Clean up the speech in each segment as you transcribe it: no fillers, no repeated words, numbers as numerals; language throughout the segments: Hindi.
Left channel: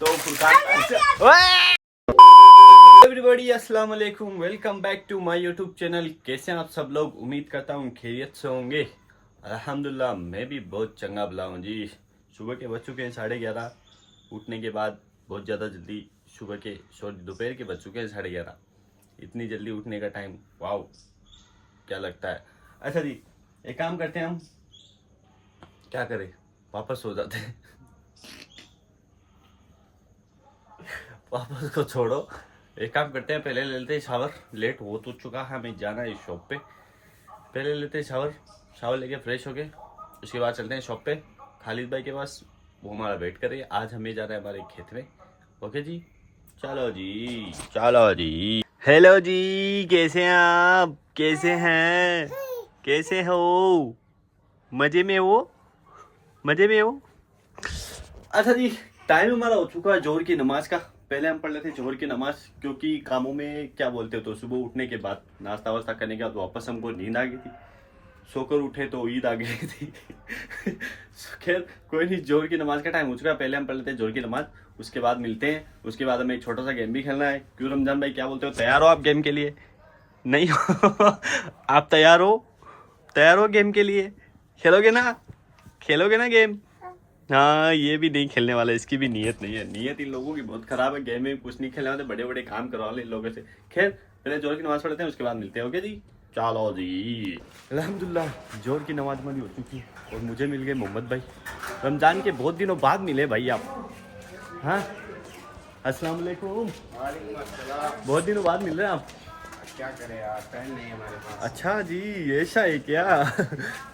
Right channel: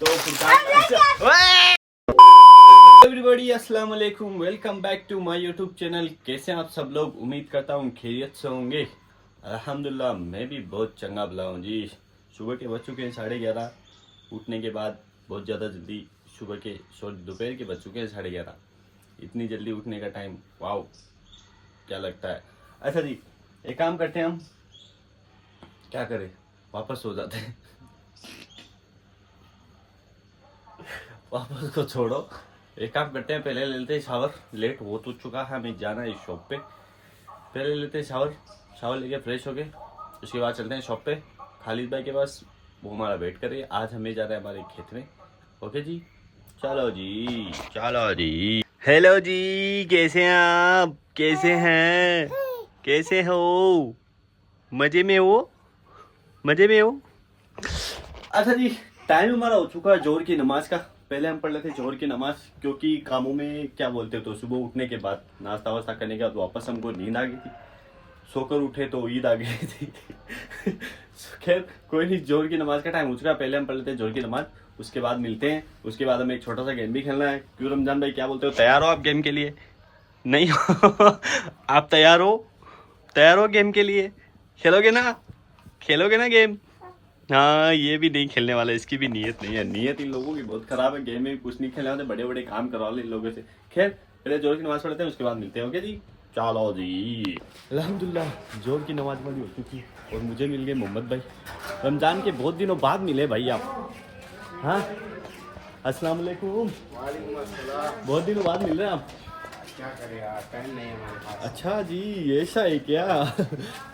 तो एवरीबॉडी अस्सलाम वालेकुम, welcome back to my YouTube channel. कैसे हैं आप सब लोग? उम्मीद करता हूँ खैरियत से होंगे। अल्हम्दुलिल्लाह मैं भी बहुत चंगा भला हूँ जी। सुबह के बज चुके हैं 11:30। उठने के बाद बहुत ज़्यादा जल्दी सुबह के दोपहर के बज चुके हैं 11:30। इतनी जल्दी उठने का टाइम, वाओ क्या लगता है। अच्छा जी, एक काम करते हैं हम, क्या करें, वापस सो जाते हैं। वापस को छोड़ो, एक काम करते हैं, पहले ले लेते हैं शावर। लेट हो तो चुका है, हमें जाना है शॉप पे। पहले लेते हैं शावर लेके फ्रेश होके, उसके बाद चलते हैं शॉप पे खालिद भाई के पास। वो हमारा वेट कर रही है। आज हमें जाना है हमारे खेत में। ओके जी, चलो जी। हेलो जी, कैसे हैं आप? कैसे हैं? कैसे हो? मजे में हो? अच्छा जी, टाइम हमारा हो चुका है जोहर की नमाज का। पहले हम पढ़ लेते जोहर की नमाज, क्योंकि कामों में क्या बोलते हो, तो सुबह उठने के बाद नाश्ता वास्ता करने के बाद वापस हमको नींद आ गई थी। सोकर उठे तो ईद आ गई थी। खैर कोई नहीं, जोहर की नमाज का टाइम हो चुका है। पहले हम पढ़ लेते हैं जोहर की नमाज, उसके बाद मिलते हैं। उसके बाद हमें एक छोटा सा गेम भी खेलना है। क्यों रमजान भाई, क्या बोलते हो, तैयार हो आप गेम के लिए? नहीं हो? आप तैयार हो गेम के लिए? खेलोगे ना गेम? हाँ, ये भी नहीं खेलने वाला, इसकी भी नीयत नहीं है। नीयत इन लोगों की बहुत खराब है। गेम में कुछ नहीं खेलने वाले, बड़े बड़े काम करवा ले इन लोगों से। खैर पहले जोर की नमाज पढ़ते हैं, उसके बाद मिलते हैं। ओके जी, चलो जी। अल्हम्दुलिल्लाह जोर की नमाज हमारी हो चुकी और मुझे मिल गए मोहम्मद भाई। रमजान के बहुत दिनों बाद मिले भाई आप। हाँ, अस्सलाम वालेकुम। बहुत दिनों बाद मिल रहे हैं आप। क्या करें यार, टाइम नहीं है हमारे पास। अच्छा जी, ऐसा है क्या?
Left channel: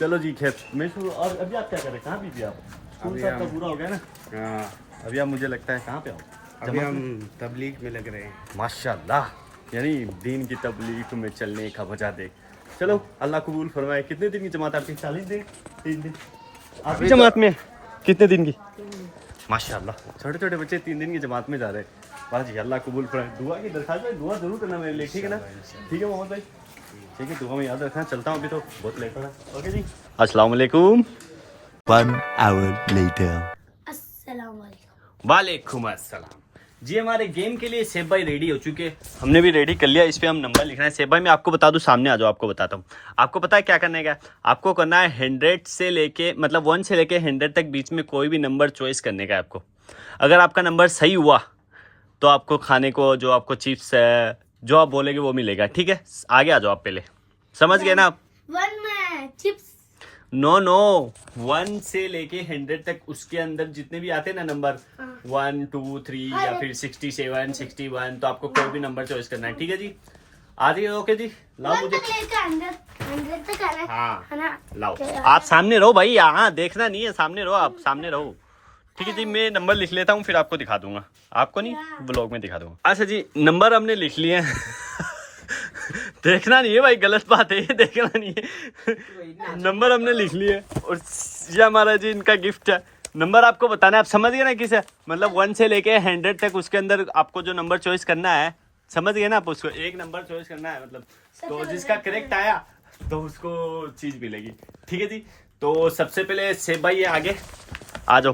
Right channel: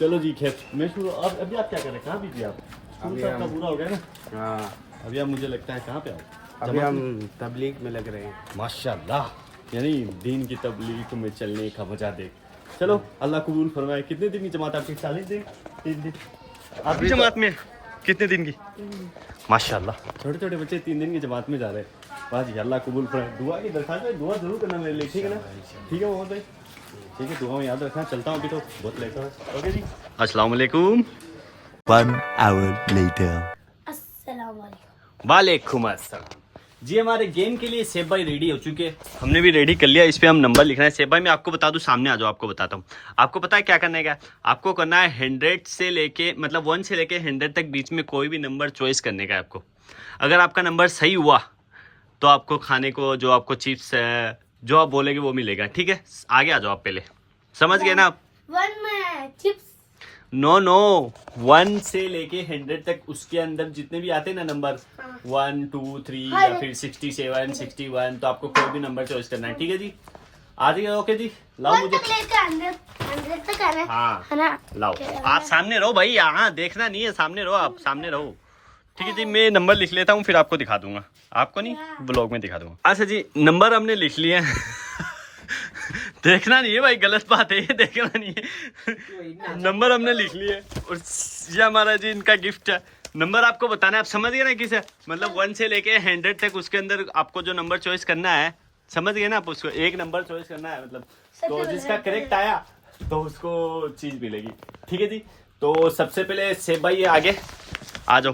चलो जी, खैर मैं शुरू। अब अभी आप क्या करें, कहाँ बिजी आप? स्कूल अभी तो आपका हम- पूरा हो गया ना? हाँ, अभी आप मुझे लगता है कहाँ पे आओ? अभी हम तबलीग में लग रहे हैं। माशाल्लाह, यानी दीन की तबलीग में चलने का मजा देख। चलो अल्लाह कबूल फरमाए। कितने दिन की जमात आपकी? 40 दिन? 3 दिन? आपकी जमात में कितने दिन की? माशाल्लाह, छोटे छोटे बच्चे 3 दिन की जमात में जा रहे हैं। वाह जी, अल्लाह कबूल फरमाए। दुआ की दरखास्त है, दुआ जरूर करना मेरे लिए, ठीक है ना? ठीक है मोहम्मद भाई, ठीक है, दुआ में याद रखना। चलता हूँ, अभी तो बहुत लेट हो रहा है। ओके जी, अस्सलाम वालेकुम। 1 hour later. अस्सलाम वालेकुम। वालेकुम अस्सलाम जी। हमारे गेम के लिए सेब भाई रेडी हो चुके हैं, हमने भी रेडी कर लिया। इस पे हम नंबर लिखना है। सेब भाई मैं आपको बता दूं, सामने आ जाओ, आपको बताता हूँ। आपको पता है क्या करना है? क्या आपको करना है? 100 से लेके, मतलब 1 से लेके 100 तक बीच में कोई भी नंबर चॉइस करने का है आपको। अगर आपका नंबर सही हुआ तो आपको खाने को, जो आपको चिप्स है, जो आप बोलेगे वो मिलेगा, ठीक है? आगे आ जाओ आप, पहले समझ गए ना आप? 1 में चिप्स। नो 1 से लेके 100 तक, उसके अंदर जितने भी आते हैं ना नंबर, 1 2 3 या फिर 67 61, तो आपको कोई भी नंबर चॉइस करना है, ठीक है जी? आ जाइए। ओके जी, लाओ 1 मुझे। तक लेके 100 तक आना है। हाँ है ना? लाओ, आप सामने रहो भाई, यहाँ देखना नहीं है, सामने रहो आप, सामने रहो। ठीक है जी, मैं नंबर लिख लेता हूँ, फिर आपको दिखा दूंगा। आपको नहीं, ब्लॉग में दिखा दूंगा। अच्छा जी, नंबर हमने लिख लिए हैं। देखना नहीं है भाई, गलत बात है ये, देखना नहीं है। नंबर हमने लिख लिए और ये हमारा जी इनका गिफ्ट है। नंबर आपको बताना है, आप समझ गए ना किसे? मतलब 1 से लेके 100 तक, उसके अंदर आपको जो नंबर चॉइस करना है, समझ गए ना आप? उसको एक नंबर चॉइस करना है, मतलब तो जिसका करेक्ट आया तो उसको चीज मिलेगी, ठीक है जी? तो सबसे पहले सेब भाई आगे आ जाओ।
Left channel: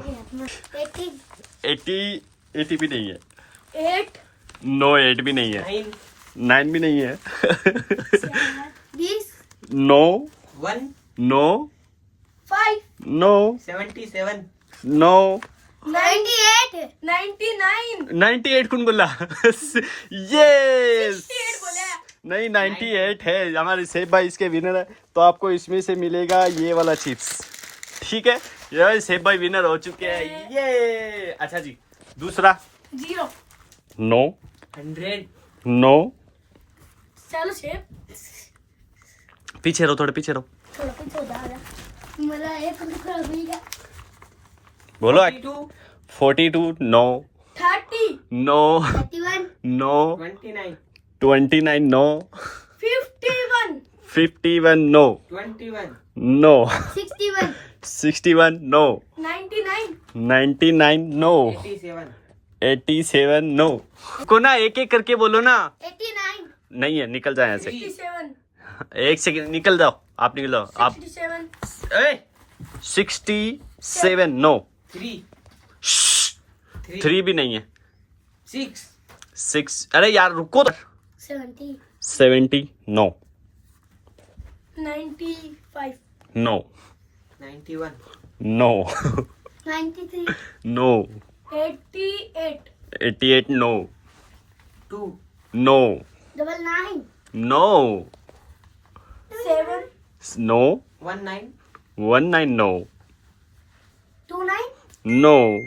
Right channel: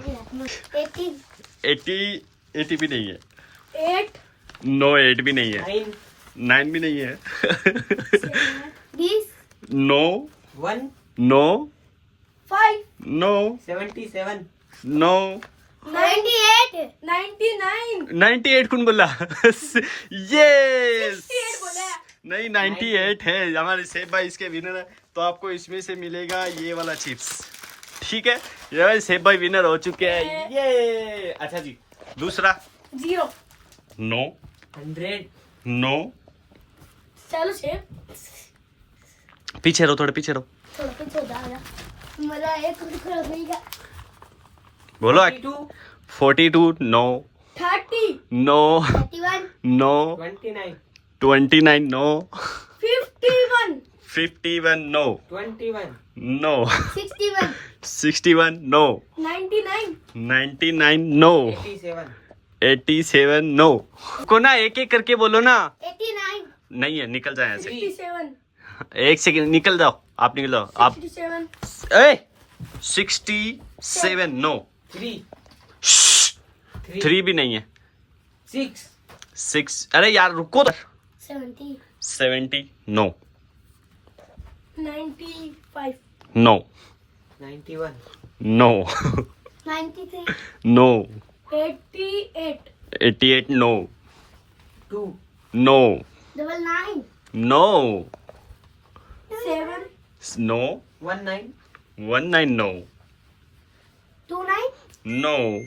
80 भी नहीं है, 8 नो 8 भी नहीं है, 9 भी नहीं है। 20 नो 1 नो 5 नो 77 नो 98 99 98 कौन बोला? ये 68 बोला। नहीं, 98 है। हमारे सेब भाई इसके विनर है, तो आपको इसमें से मिलेगा ये वाला चिप्स, ठीक है? ये सेब भाई विनर हो चुके हैं, ये। अच्छा जी, दूसरा 0। नो 100 नो, चलो शेप पीछे रहो, थोड़े पीछे रहो, थोड़ा कुछ हो जाएगा। मला एक दुसरा होईगा। बोलो। 42 42 no 30 no 31 no 29 29 no 51 51 no 21 no 61 61 no 99 99 no 87 87 no. को ना एक एक करके बोलो ना। 89 नहीं है, निकल जाए यहाँ से। 67 एक सेकंड, निकल जाओ आप, निकल जाओ आप। 67 ए 67 नो 3 3 भी नहीं है। 6 6, अरे यार रुको तो। 70. 70 no 95. No 91 no 93. No 88. 88 no 2 no 99. No 7. No 19 19 no 29. No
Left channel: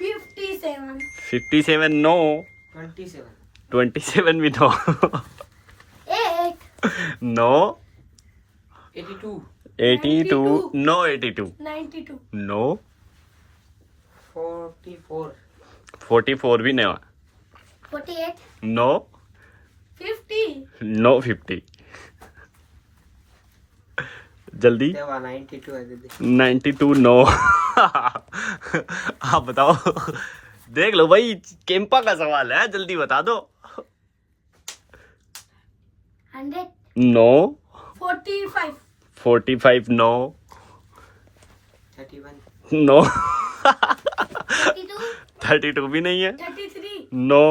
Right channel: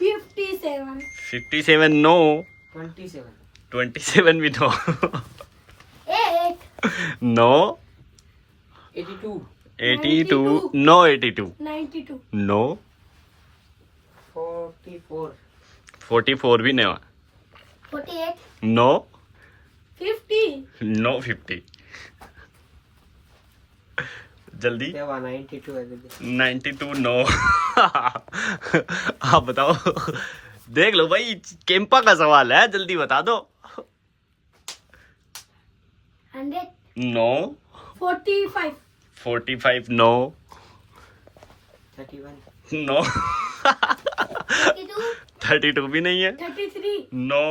57. 57 no 27 27 भी नो 8. No 82 82 no 82 92. नो 44 44 भी नहीं 48. नो 50. नो 50 जल्दी देवा 92 है दीदी 92 नो आप बताओ देख लो भाई केम्पा का सवाल है जल्दी बता दो 100. नो 45. 45 no 31 no 32. 32 भी नहीं है 33. No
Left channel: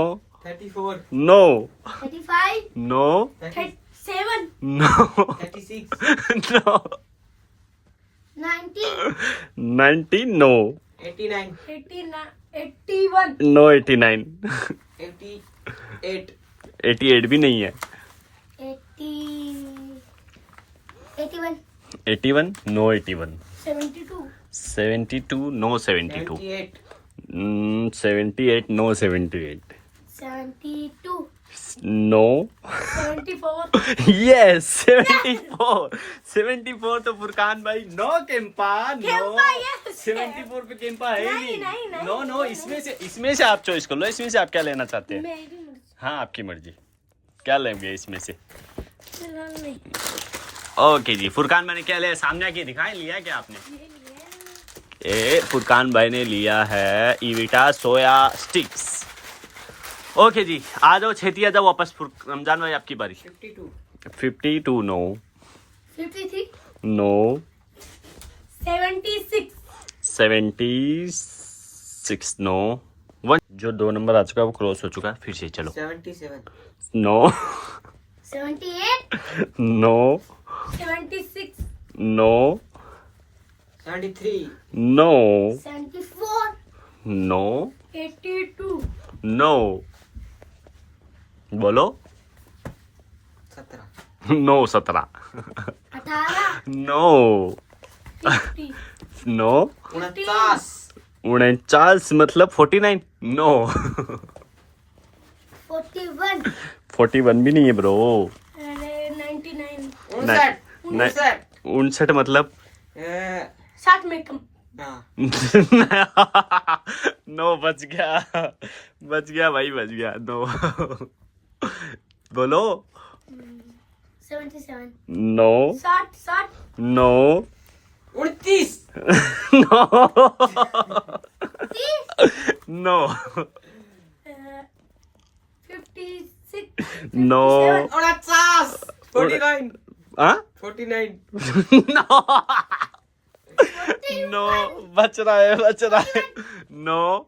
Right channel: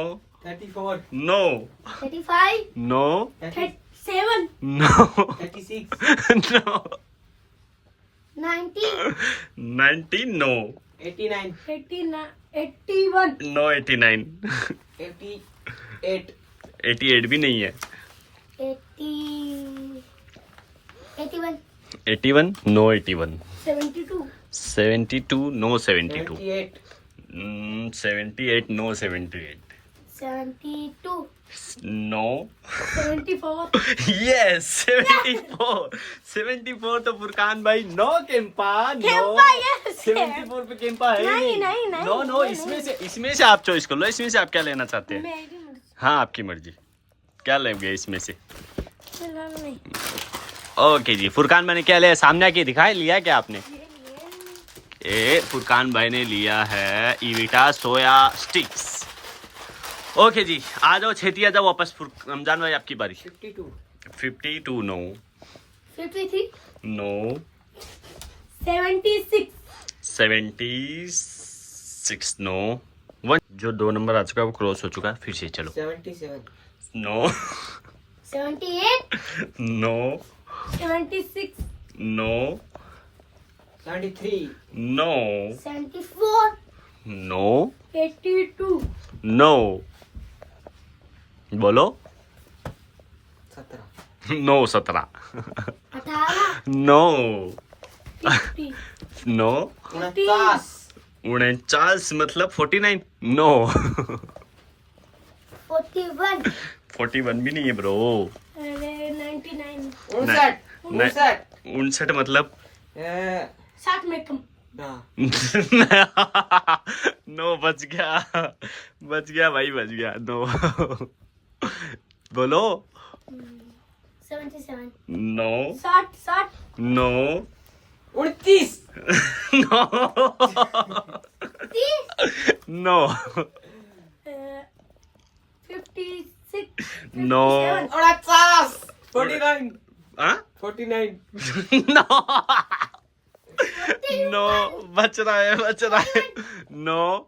34 no 35. No 37. No 36 no 90. 90 no 89 89. 81. No 89 88 88 भी नहीं है 80. 81. 81 no 81 72. 72 no 72 78 78 no 78 72. No 74. Yes 74 तो फुरकान भाई नो केम्पा नो केम्पा, yes. 74 पे केम्पा है ही नहीं, नो नो इसमें से आप चॉइस कर लो इसमें से आप क्या लेना चाहते हैं मेरी मर्जी. हाँ आपकी मर्जी क्या लेंगे इसमें से फिलहाल नहीं. ओके जी फुरकान भाई ने क्या लिया सामने आके दिखाई लिया क्या आपने ए फुरकान भाई ने लिया है ईविटा सोया स्टिक्स ओके जी आ जाओ छेती आ जाओ वापस रमजान भाई आपकी बारी 52 52 नो 53. नो 76. 76 नो 1 जो 2 नंबर आ चुका है वो क्रॉस हो चुका है फिर से चलो 77 no 78. No 76. No 73 no 74. No 82. No बोलो 17 नो 17 18. नो 50. नो 49 49 मतलब 49 नो 41. 41 भी नहीं है ब्रो अरे 99. 59 59 मतलब 60 में कम. हाँ नो बच गया भाई बच गया नो बोलो 77. No 60. No 29 no 30. No 56. No 49 हाँ 49 नो नो बच रहा है no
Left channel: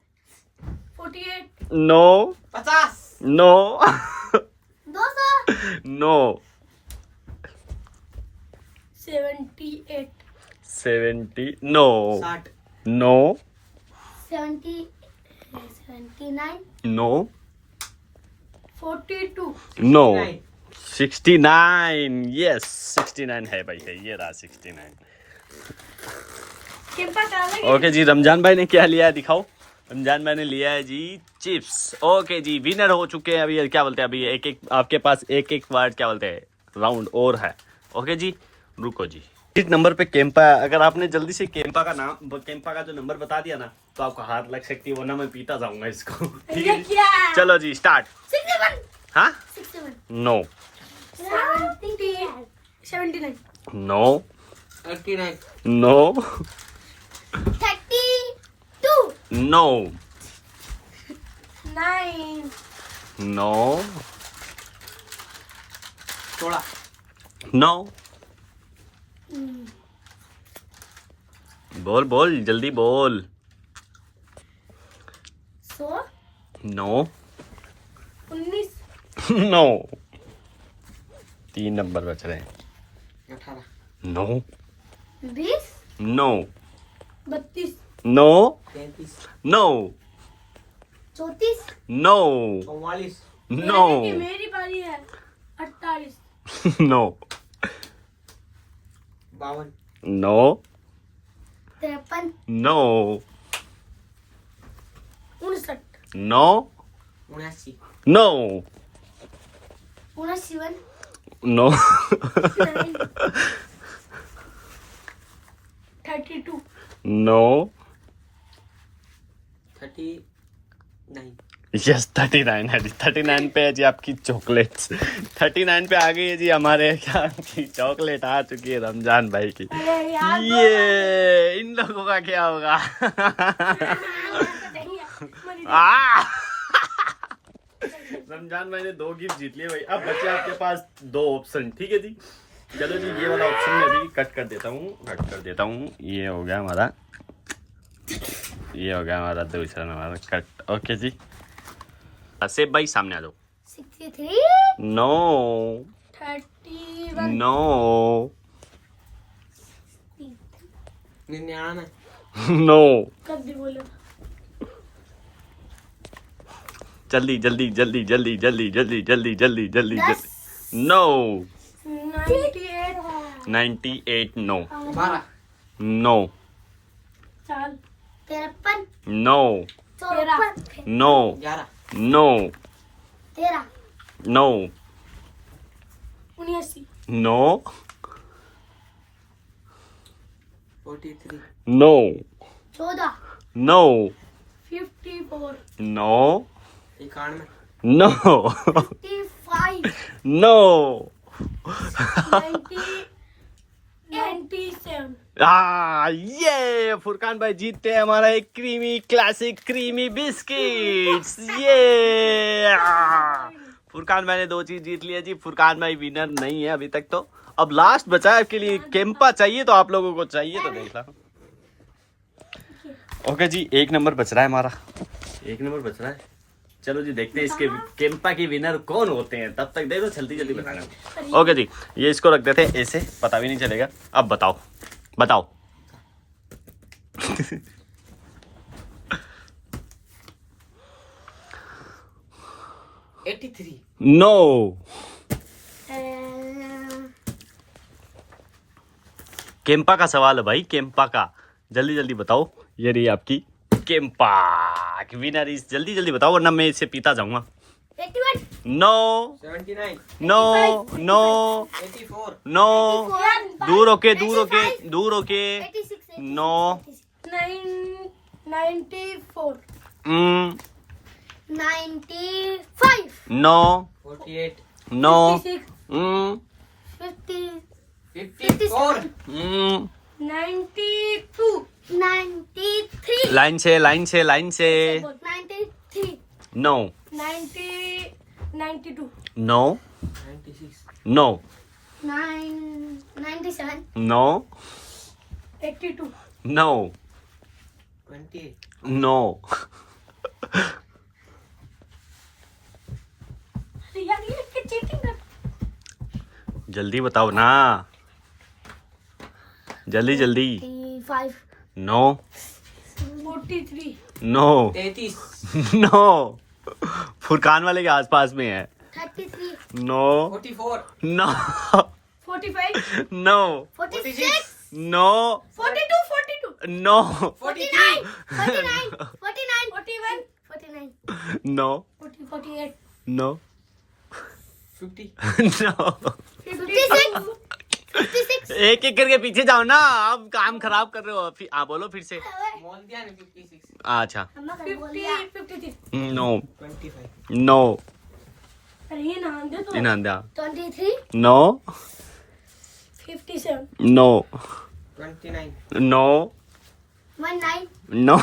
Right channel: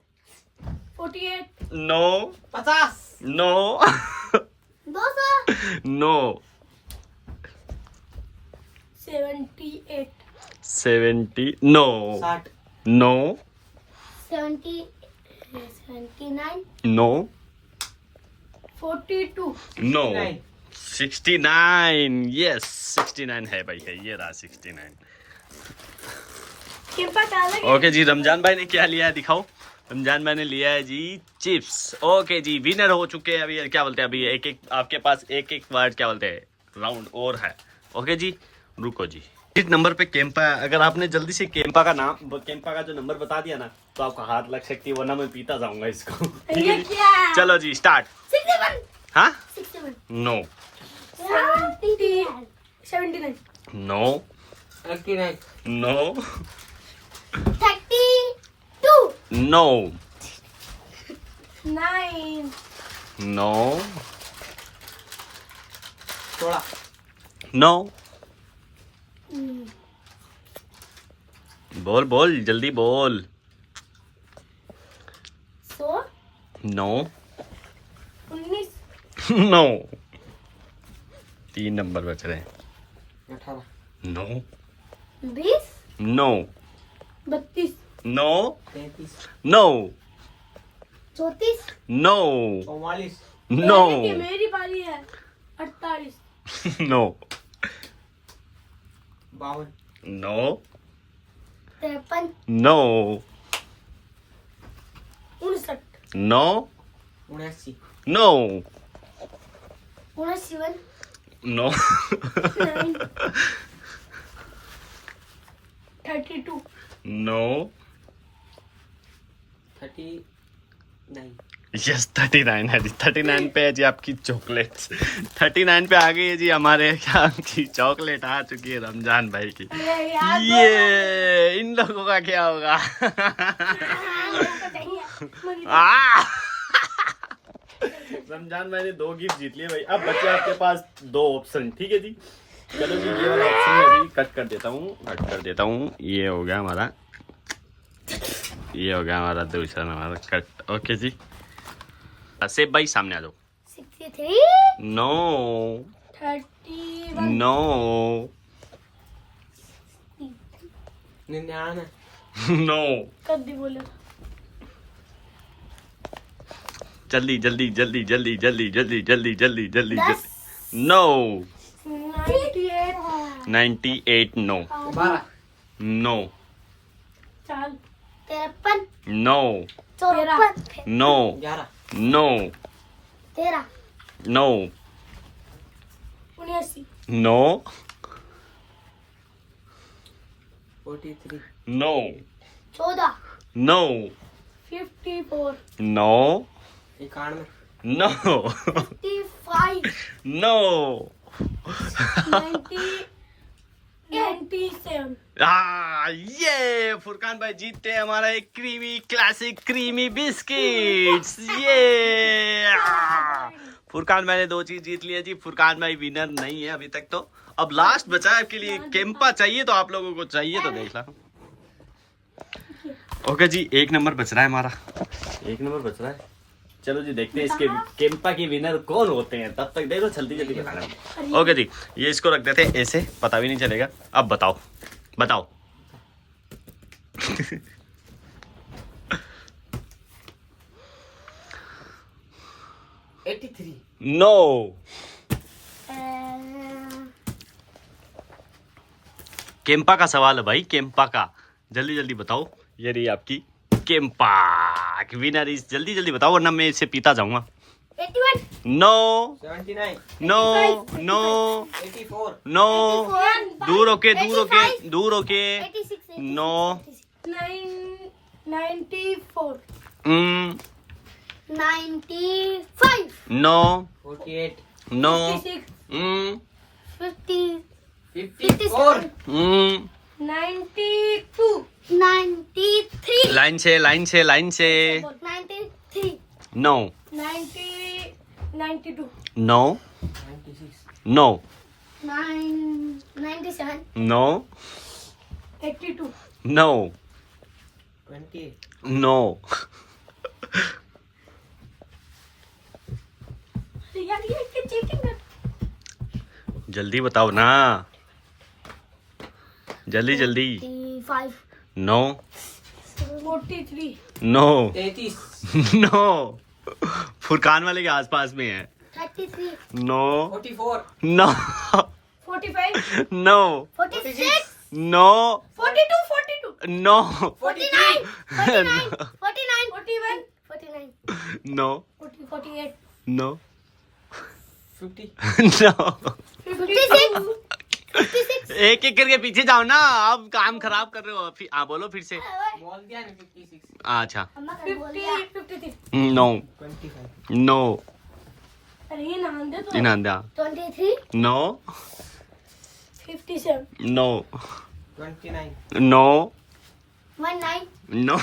48. No 50 no 200. No 78. 70 no 60 no 70. 79. No 42. No 69 69 yes 69 है भाई है ये रहा 69 केम्पा डाला ओके जी रमजान भाई ने क्या लिया है दिखाओ रमजान भाई ने लिया है जी चिप्स ओके जी विनर हो चुके हैं अभी क्या बोलते हैं अभी एक आपके पास एक वर्ड क्या बोलते हैं राउंड और है ओके जी रुको जी इस नंबर पे केम्पा है अगर आपने जल्दी से केम्पा का जो नंबर बता दिया ना तो आपको हाथ लग सकती है वरना मैं पीता जाऊंगा इसको ये क्या है? चलो जी स्टार्ट 61. हाँ 61. No 70. 79. No 89 no 32. No 9. No 16 no बोल जल्दी बोल नो 19 नो 3 नंबर बच रहे हैं 18 no 20 no 32 no 33 no 34 no 44 no मेरी बारी है 48 no 52 no 53 no 59 no 79 no 59 no 32 no 39 yes 39 है जी 39 पे है जी आपकी चॉकलेट्स 39 पे आ गई है जी हमारे क्या की चॉकलेट आ चुकी है रमजान भाई की ये इन लोगों का क्या होगा आ! रमजान भाई ने 2 गिफ्ट जीत लिए भाई अब बचे आपके पास 2 ऑप्शन ठीक है जी चलो जी ये वाला ऑप्शन मैं अभी कट कर देता हूँ ये हो गया हमारा दूसरा हमारा कट ओके जी सेब भाई सामने आ जाओ 63 नो 31 नो 99 नो कद्दी बोले जल्दी no 98 no 12 no 53 no 54 no 11 no 13 no 79 no 43 no 14 no 54 no 91 no 55 no 90 97 ये फुरकान भाई जीतते हैं हमारा एक क्रीमी क्लासिक क्रीमी बिस्किट्स ये फुरकान भाई ने 2 चीज जीत ली है जी फुरकान भाई विनर नहीं है अभी तक तो अब लास्ट बचा है आपके लिए केम्पा चाहिए तो आप लोगों को चाहिए तो देख ला ओके जी 1 नंबर बच रहा है हमारा 1 नंबर बच रहा है चलो जी देखते हैं इसके केम्पा की विनर कौन होते हैं तब तक देखो जल्दी बताना ओके जी ये इसको रख देते हैं ऐसे पता भी नहीं चलेगा अब बताओ 83 नो केम्पा का सवाल है भाई केम्पा का जल्दी बताओ ये रही आपकी केम्पा विनर इस जल्दी बताओ वरना मैं इसे पीता जाऊंगा 81 नो 79 नो नो 84 नो दूर होके 86 no 94 mm, 95 no 48 no 56 mm, 50 54 mm. 92 93 line से 93 no 92 no 96 no 97 no 82 no 28 no यार ये क्या चीटिंग कर जल्दी बताओ ना जल्दी 5 नो 43 नो 33 नो फुरकान वाले के आसपास में है 33 no 44 no 45 no 46 no 42 no 43 49 41 no 48 no 50 no 56 एक करके पीछे जाओ ना अब काम खराब कर रहे हो बोलो फिर से बोल दिया ना 56 अच्छा 53 नो 25 नो अरे ये नाम दे तो इनांदा 23 no 57 no 29 no 19 no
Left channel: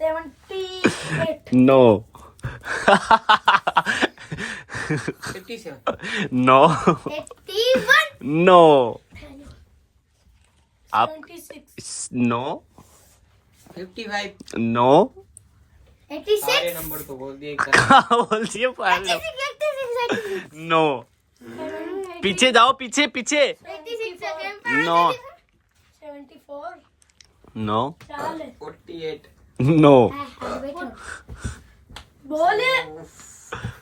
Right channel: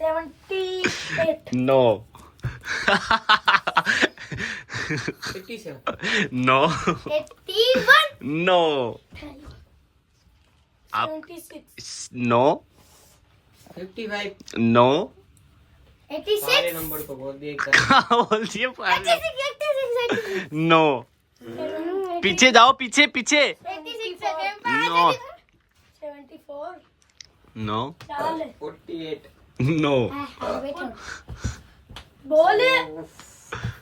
78 no 57 no 81 no आप 76 नो 55 नो सारे 86 नंबर को बोल दिए कहाँ बोल दिए? 86 नो, पीछे जाओ, पीछे पीछे। 86 नो 74 नो 48 नो। बोले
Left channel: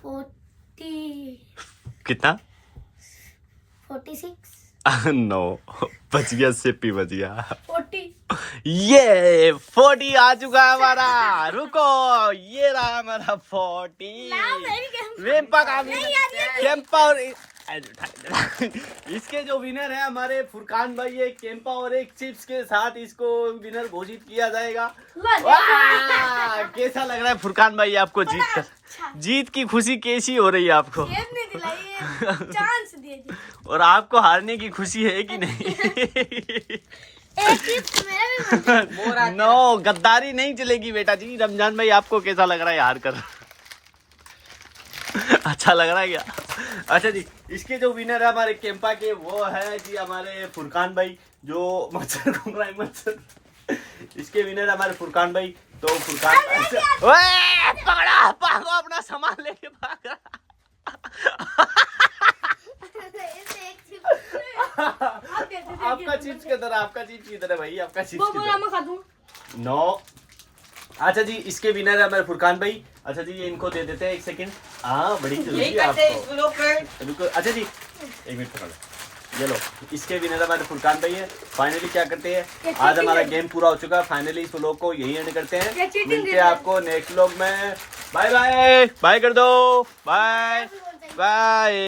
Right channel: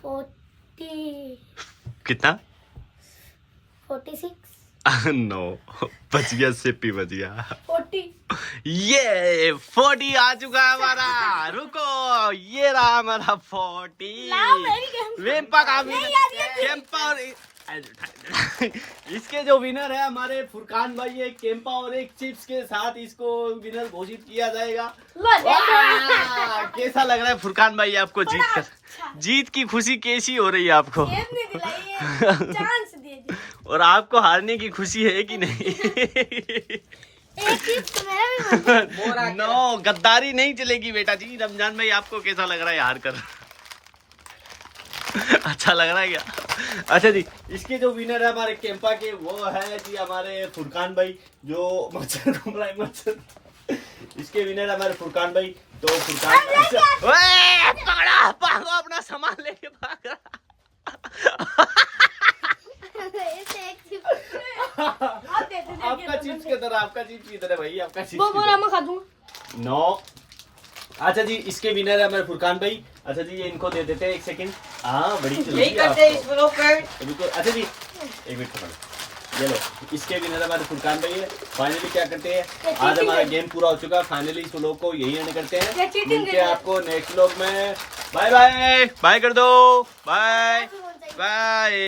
40 कितना? 46 नो, बच गया, सिप्पी बच गया। 40 ये 40 आ चुका है हमारा। रुको, ये रहा हमारा 40। वेम्पा का केम्पा और इसके जो विनर है हमारे फुरकान भाई, एक केम्पा और एक चिप्स के साथ इसको विनर घोषित किया जाएगा। वाह, कैसा लग रहा है फुरकान भाई आपको जीत कर? जीत की खुशी कैसी हो रही है आपको? चांस दिए और आपको हारने की खुशी है कि नहीं? नो, गद्दारी नहीं चलेगी बेटा जी। रमजान भाई आपको कैसा लग रहा है हार कर? अच्छा लग रहा है क्या? अच्छा जी, इसके जो विनर है हमारे केम्पा के, वो है जी हमारे फुरकान भाई। जो मच्छर घूम रहा है, मच्छर। इसके विनर है हमारे फुरकान भाई। तो फुरकान ओए, पकड़ा, भागो, अपना सामान लेके भाग रहा। आपका चिप्स किधर है? आपका चिप्स किधर है भाई? आपका चिप्स किधर है? नो। अच्छा जी, इसके विनर है हमारे फुरकान भाई। अच्छा जी, ये इनको दे देते हैं। 1 सेकंड। हाँ, बड़ी जल्दी यही है करते हैं इस आपको। ब्लॉग पे। रुको, अच्छा जी 1 मिनट पकड़ लो। ये लो, इसके विनर हमारे फुरकान भाई है। फाइनली क्या करते हैं, आज हमारा गेम पूरा हो चुका है। फाइनली इस व्लॉग को यही एंड करते हैं। मिलते हैं आपको नेक्स्ट व्लॉग में। बाय बाय, बाय कर दो, बाय बाय।